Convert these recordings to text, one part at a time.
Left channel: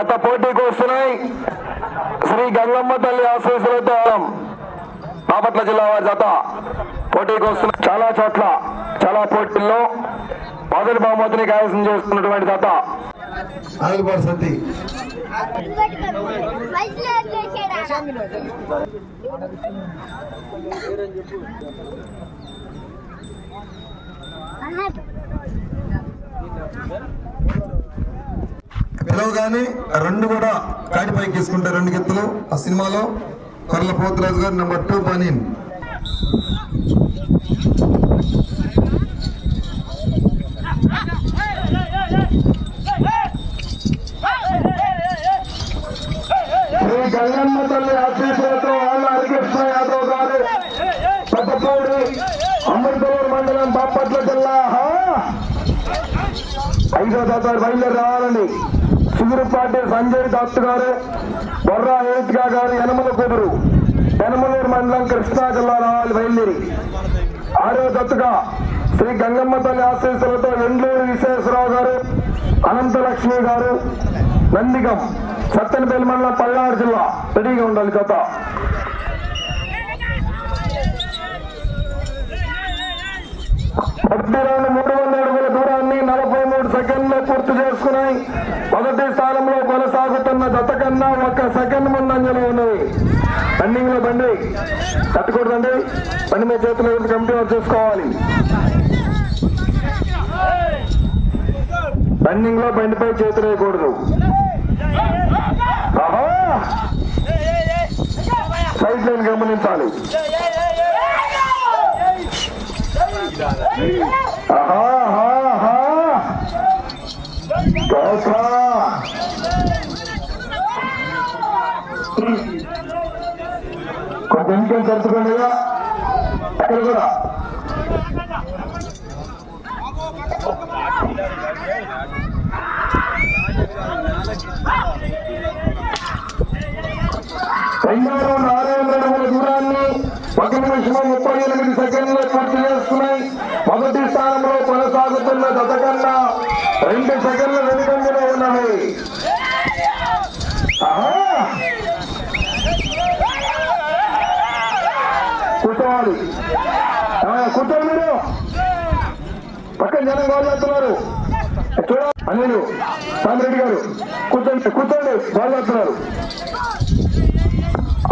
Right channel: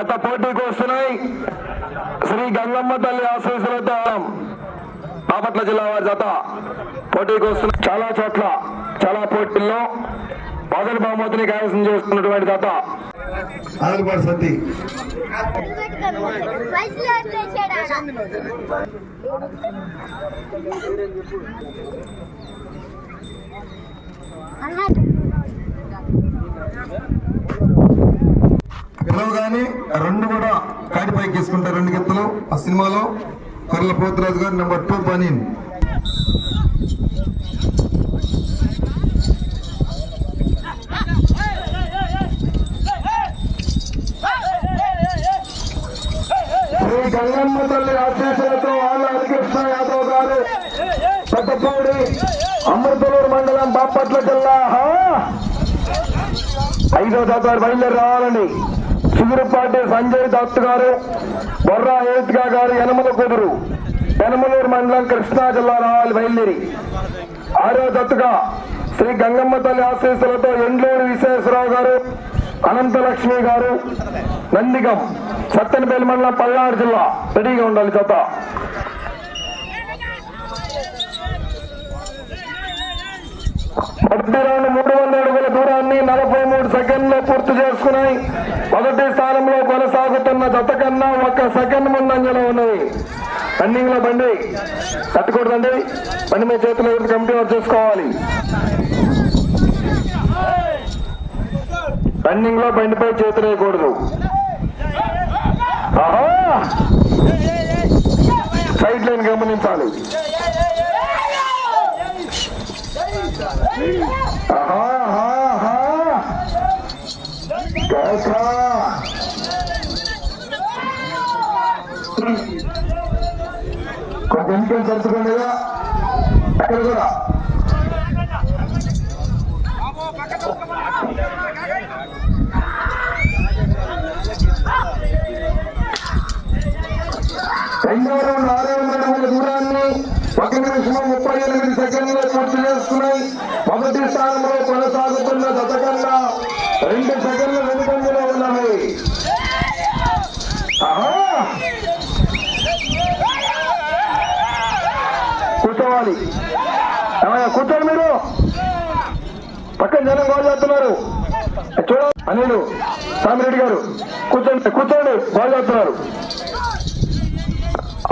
జత పోటీకి వస్తున్నాయి. శ్రీ గంగమ్మ తల్లి ఆశీస్సులతో బాపట్ల జిల్లా వారి జత పోటీకి వస్తున్నాయి. చాలా చోట్ల చాలా పోటీల్లో మొదటి బహుమతిని కైవసం చేస్తున్నటువంటి జత సంతి పిలవగానే రెండు కూడా కాటిపైకి తీసుకుంటారు. రెండు గెత్తులు ఆ సినిమాలో కర్ల పోతురాజు గారు నెంబర్ 2 పని శ్రీ గంగమ్మ తల్లి ఆశీస్సులతో వాళ్ళ హరికృష్ణ యాదవ్ గారు పెద్దపూడి అమృతలూరు మండలం బాపట్ల జిల్లా 5వ తరగతి బయలుదేరి రావాలండి. చిగురుపాటి సంజయ్ దత్ గారు, బొర్రా ఏత్గా గారు, యనమల కుదురు యనమలూరు మండలం కృష్ణా జిల్లా రావాలి బయలుదేరి. 6వ దత్తుగా శ్రీ గంగమ్మ తల్లి ఆశీస్సులతో ఎండ్లూరు విశ్వేశ్వరరావు గారు, అనంతలక్ష్మి గారు, నందిగం సత్తెనపల్లి మండలం పల్నాడు జిల్లా రెడీగా ఉండాలి. జత మొదటి రౌండ్ 300 అడుగుల దూరాన్ని 43 సెకండ్లో పూర్తి చేసుకున్నాయి. మొదటి స్థానంలో కొనసాగుతున్న జత కన్నా 1 సెకండ్ ముందంజలో ఉన్నాయి. రన్నింగ్ లో బండి కట్టకూడదండి, బండి మీద చేతులు కమిటీ చేసుకోవాలి. రన్నింగ్ లో బండిపై చేతులు వేయకూడదు. సైడ్ లైన్ గమనించాలి. కొంచెం ఇంకేం తెలుసుకోండి అక్కడ కూడా రెండవ 400 అడుగుల దూరాన్ని 1 నిమిషం 38 సెకండ్లు పూర్తి చేసుకున్నాయి. మొదటి స్థానంలో కొనసాగుతున్న జత కన్నా 2 సెకండ్లు వెనుకంజలో ఉన్నాయి. కూర్చోవాలి, కూర్చోండి మీరు. పక్కన జనం గోల్ చేస్తున్నారు చూడండి. అనిలు సామిరెడ్డి గారు కూర్చోండి, కూర్చోండి, గోల్ చేస్తున్నారు.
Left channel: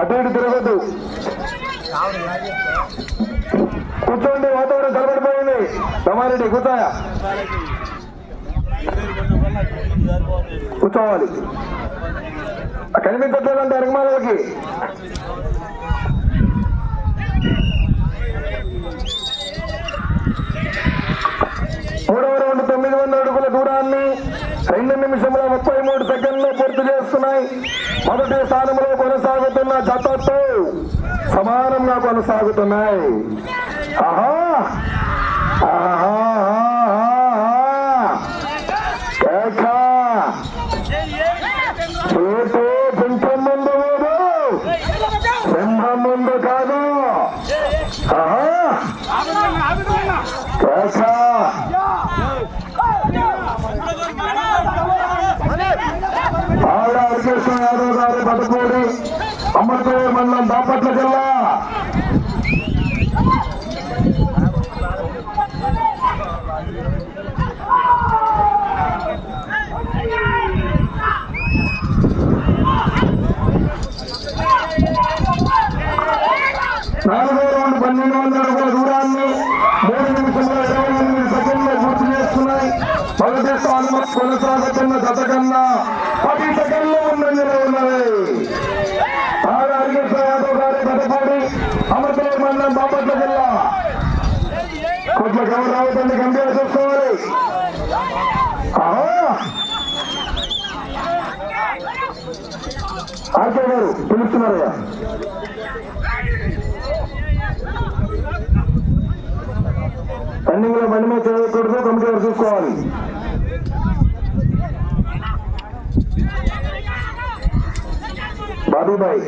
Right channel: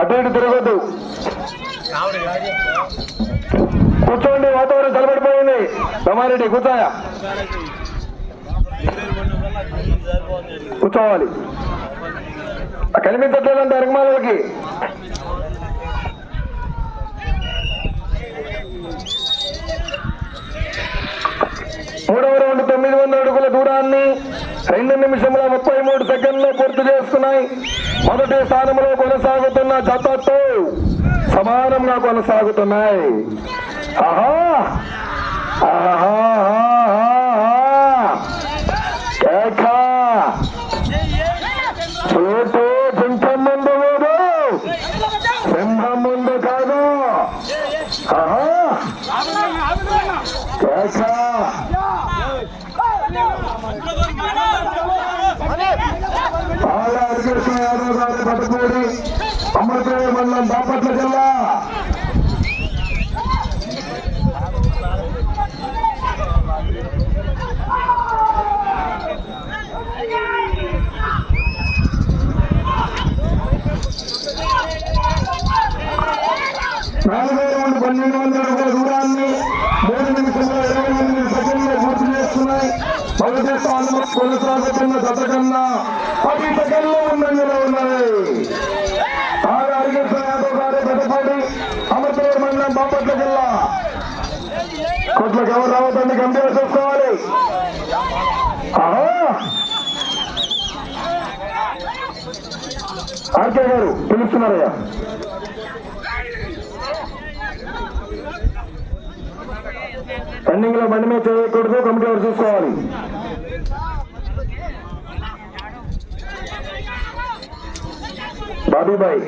అటు ఇటు తిరగద్దు, కూర్చోండి. వాతావరణం తలబడిపోయింది. రమారెడ్డి కూర్చోయా, కూర్చోవాలి. కనిపించట్లేదంటే అరగమాలకి. మూడవ రౌండ్ 900 అడుగుల దూరాన్ని 2 నిమిషంలో 33 సెకండ్లు పూర్తి చేసుకున్నాయి. మొదటి స్థానంలో కొనసాగుతున్న జతతో సమానంగా కొనసాగుతున్నాయి. చూపు సింహం ముందు లేదు, సింహం ముందు కాదు. హరికృష్ణ యాదవ్ గారు పట్టుకోడి అమృతలూరు మండలం బాపట్ల జిల్లా. నాలుగో రౌండ్ 1200 అడుగుల దూరాన్ని 3 నిమిషంలో 28 సెకండ్లు పూర్తి చేసుకున్నాయి. మొదటి స్థానంలో కొనసాగుతున్న జత కన్నా 10 సెకండ్లు ముందంజలో ఉన్నాయి. హరికృష్ణ యాదవ్ గారి పెద్దపాటి అమృతలూరు మండలం బాపట్ల జిల్లా. కొట్లకు ఎవరు రావద్దండి, గంభీర చూసుకోవాలి. ఆర్కే గారు పిలుస్తున్నారయ్యా. రన్నింగ్ లో బండి మీద చేయకూడదు, కంప్యూటర్ చూసుకోవాలి. బాబుబాయ్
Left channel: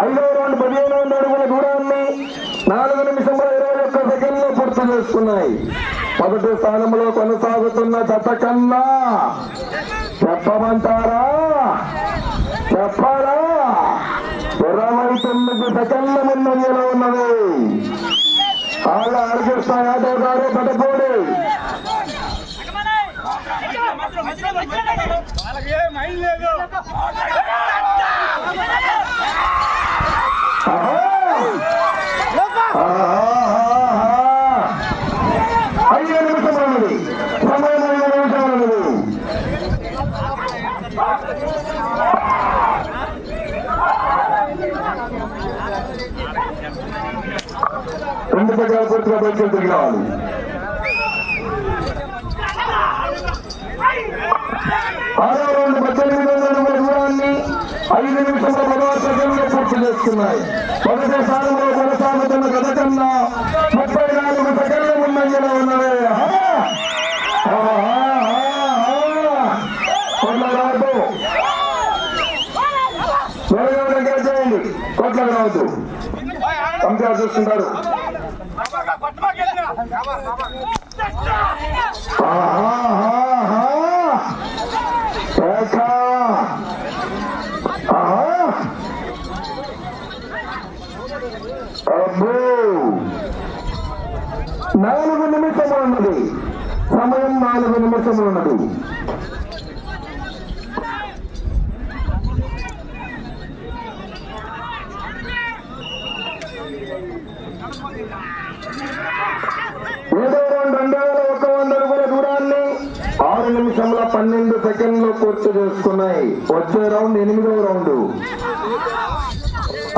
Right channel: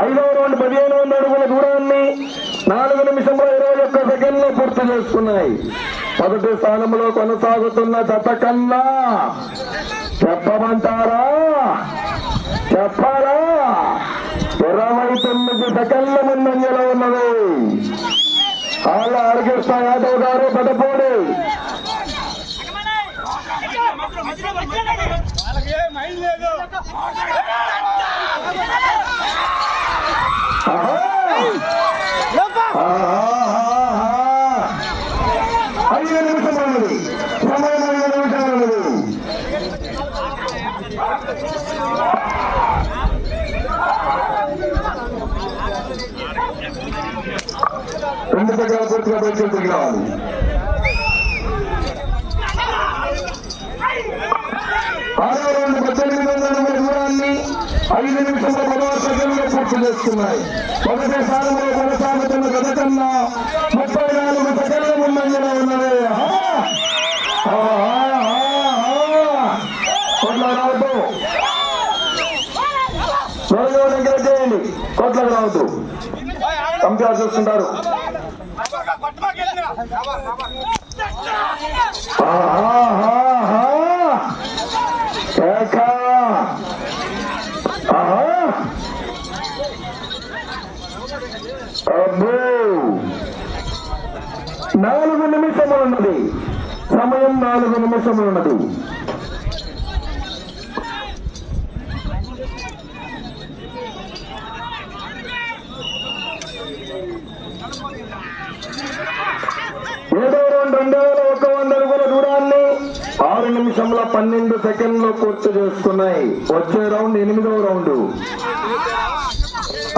5వ రౌండ్ 1500 అడుగుల చేసుకున్నాయి. మొదటి స్థానంలో కొనసాగుతున్న జత కన్నా చెప్పమంటారా? చెప్పాలా? 29 సెకండ్ల ముందంజలో ఉన్నది. ఆళ్ళ హరికృష్ణ యాదవ్ గారు పదపూడి. రెండు దగ్గర పూర్తిగా బయటకు రావాలి. ఆరో రౌండ్ 18 అడుగుల దూరాన్ని 5 నిమిషంలో 16 సెకండ్లు పూర్తి చేస్తున్నాయి. మొదటి స్థానంలో కొనసాగుతున్న గత కన్నా 34 సెకండ్ల ముందంజలో ఉన్నాయి. కొట్లకు దగ్గర చేయండి. కొట్లకు రావద్దు, కంప్లీట్ చూస్తుంటారు. నాలుగు నిమిషములు ఉన్నది సమయం. 4 నిమిషములు ఉన్నది. ఏడో రౌండ్ 2100 అడుగుల దూరాన్ని 6 నిమిషంలో 12 సెకండ్లు పూర్తి చేసుకున్నాయి. వచ్చే రౌండ్ 8వ రౌండ్.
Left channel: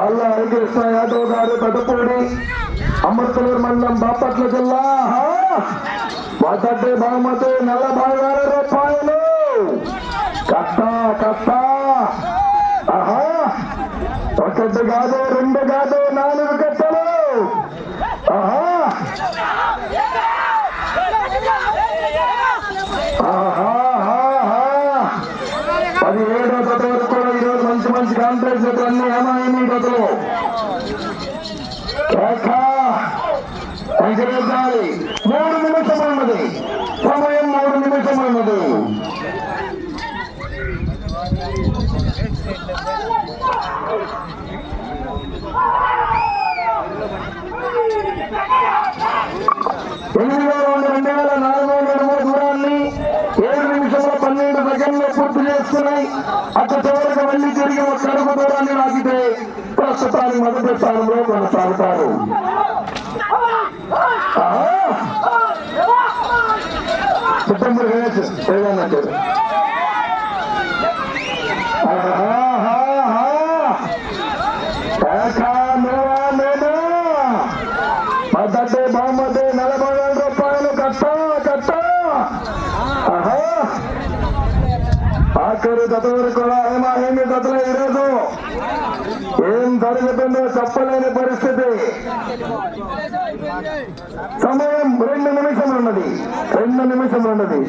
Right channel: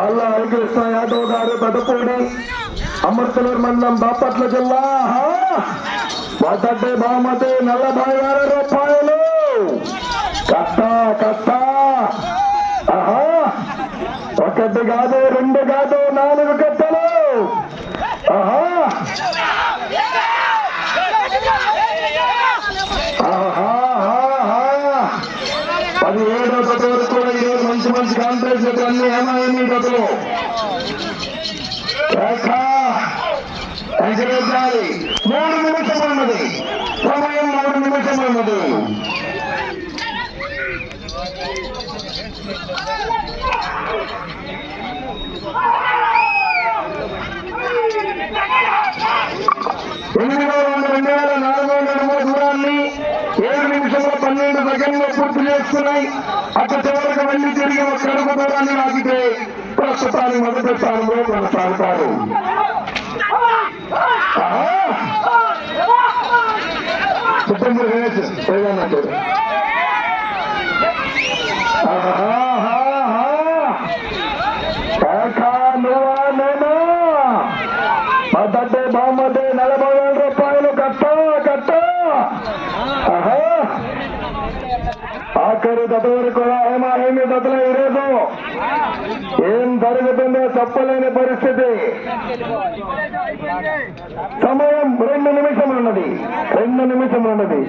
ఆళ్ళ హరికృష్ణ యాదవ్ గారు పదపూడి, అమర్తలూరు మండలం, బాపట్ల జిల్లా. మొదటి బహుమతి 46 రూపాయలు. కట్ట ఒకటి కాదు, 2 కాదు, 4 కట్టలు. 17వ జత వరకు కూడా ఈరోజు మంచి కాంపిటీషన్ అన్ని ఏమైంది జతలు ఎంకరేజాలి. 3 నిమిషం ఉన్నది సమయం. 3 నిమిషం ఉన్నది. దూరాన్ని 7 నిమిషంలో 12 సెకండ్లు పూర్తి చేసుకున్నాయి. అక్కడ చివరికి వెళ్ళి తిరిగి ఒక అడుగు దూరాన్ని లాగితే ప్రస్తుతానికి మొదటి స్థానంలో కొనసాగుతారు. మొదటి బహుమతి 40,000 రూపాయలు. కట్ట ఆఖరి జతలు కూడా ఏమీ జతలు ఈరోజు ఏం జరుగుతుందో చెప్పలేని పరిస్థితి. సమయం 2 నిమిషములు ఉన్నది. 2 నిమిషములు ఉన్నది.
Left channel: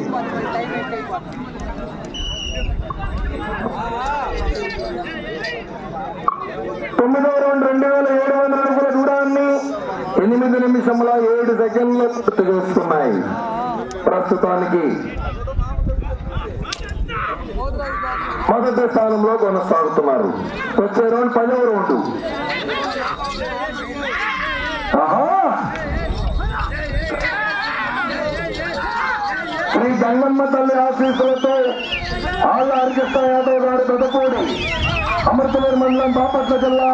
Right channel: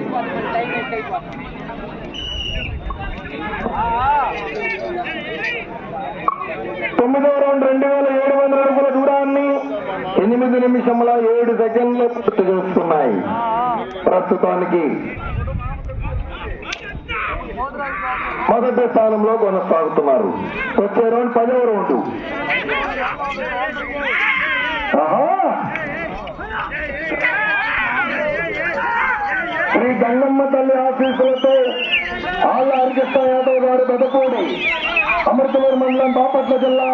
తొమ్మిదో రౌండ్ 2700 అడుగుల దూరాన్ని 8 నిమిషముల 7 సెకండ్లు పూర్తి చేస్తున్నాయి. ప్రస్తుతానికి మొదటి స్థానంలో కొనసాగుతున్నారు. వచ్చే రౌండ్ 10వ రౌండ్. శ్రీ గంగమ్మ తల్లి ఆశీస్సులతో ఆళ్ళ హరికృష్ణ యాదవ్ గారు పెదపూడి, అమర్తలూరు మండలం, బాపట్ల జిల్లా.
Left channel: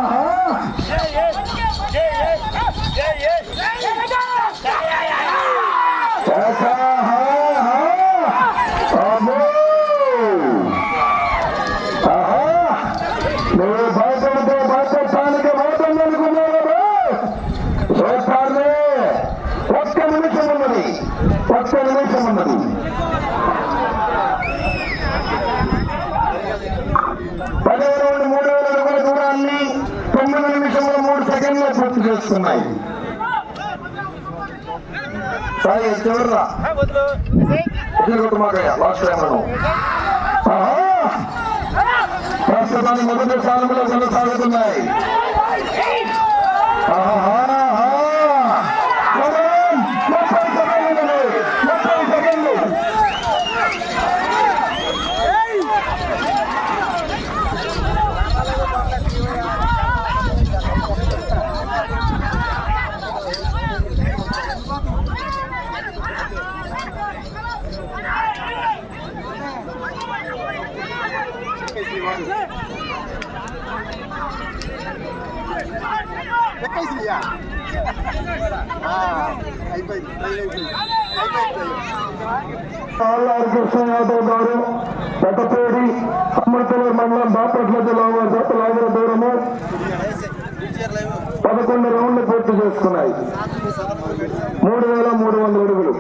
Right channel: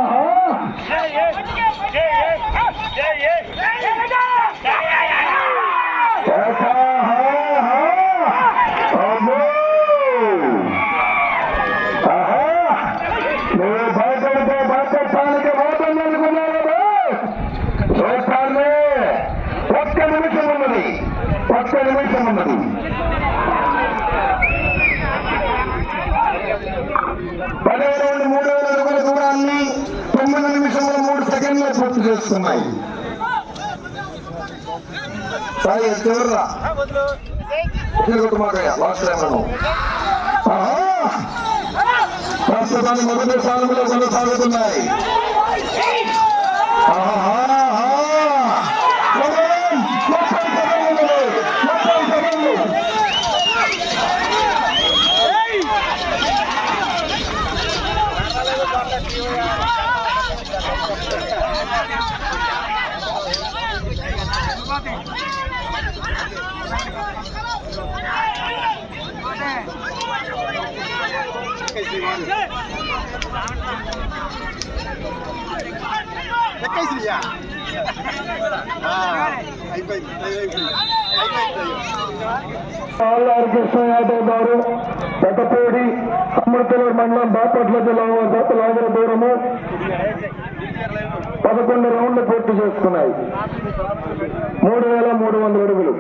నువ్వు భాషలతో భాషానికి పోతుందనుకున్నావు. చూస్తాను. 1 నిమిషం ఉన్నది. 1 నిమిషం ఉన్నది. పదవ రౌండ్ 3000 అడుగుల దూరాన్ని 9 నిమిషంలో 3 సెకండ్లు పూర్తి చేస్తున్నాయి. చాలా చివరిగా లాస్ట్ టైం ప్రస్తుతాన్ని మొదటి స్థానంలో కొనసాగుతున్నాయి. ఆల్లారి కృష్ణ యాదవ్ గారు పెద్దపేడి అమృతలూరు మండలం బాపట్ల జిల్లా దూరము 11 రౌండ్లు పూర్తి చేసుకున్నాయి. 3,300 అడుగులు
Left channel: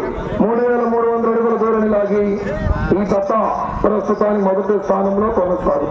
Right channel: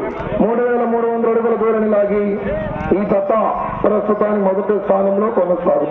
3,300 అడుగుల దూరం లాగి ఈ జత ప్రస్తుతానికి మొదటి స్థానంలో కొనసాగుతుంది.